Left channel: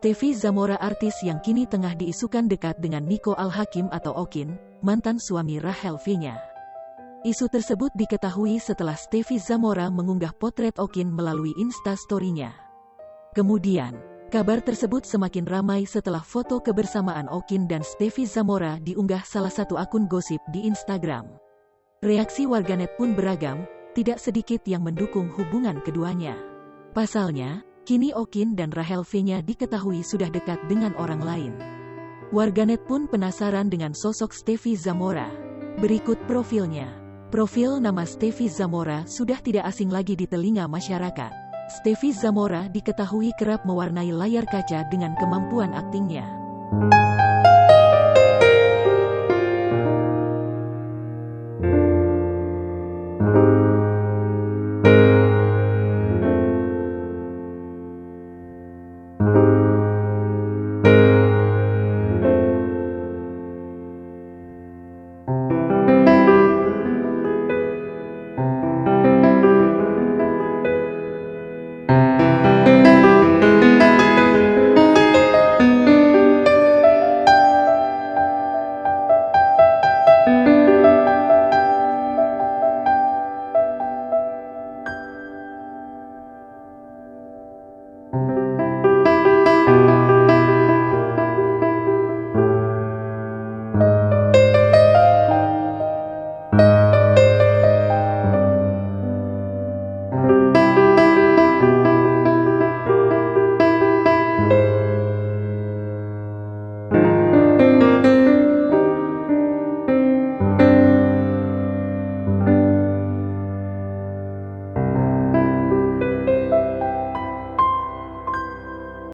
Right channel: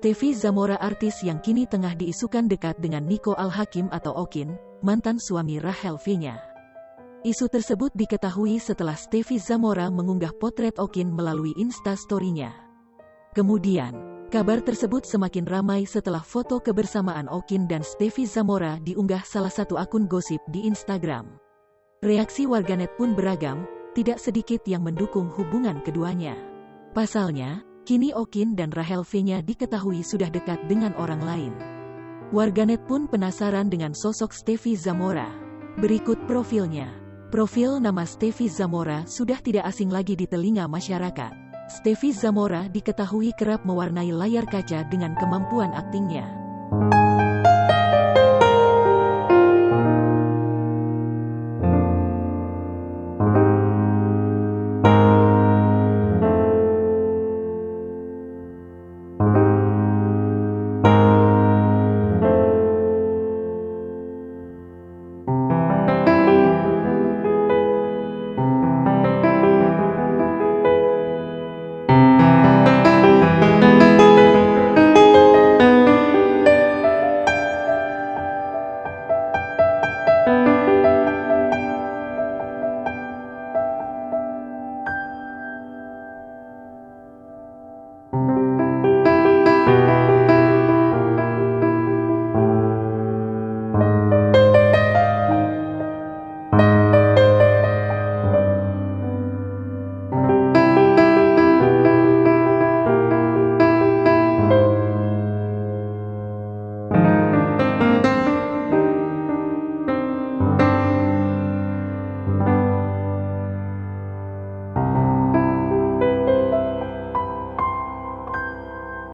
Stefy Zamora, artis yang kini tengah diisukan dekat dengan Nico Al-Hakim atau Okin, mantan suami Rachel V-nya. Isu tersebut diketahui setelah Stefy Zamora mengunggah potret Okin melalui Insta-story-nya. Kemudian, kabar tersebut semakin ramai setelah foto kebersamaan Okin dan Stefy Zamora diunggah salah satu akun gosip di Instagram. Reaksi warganet pun beragam, tidak sedikit yang mendukung hubungan keduanya. Pasalnya, kini Okin dan Rachel V-nya diketahui sudah dekat dengan orang lain. Warganet pun penasaran dengan sosok Stefy Zamora. Berikut profilnya. Profil nama Stefy Zamora sudah tidak asing lagi di telinga masyarakat. Stefy Zamora diketahui kerap mewarnai layar kaca dengan kemampuan aktingnya.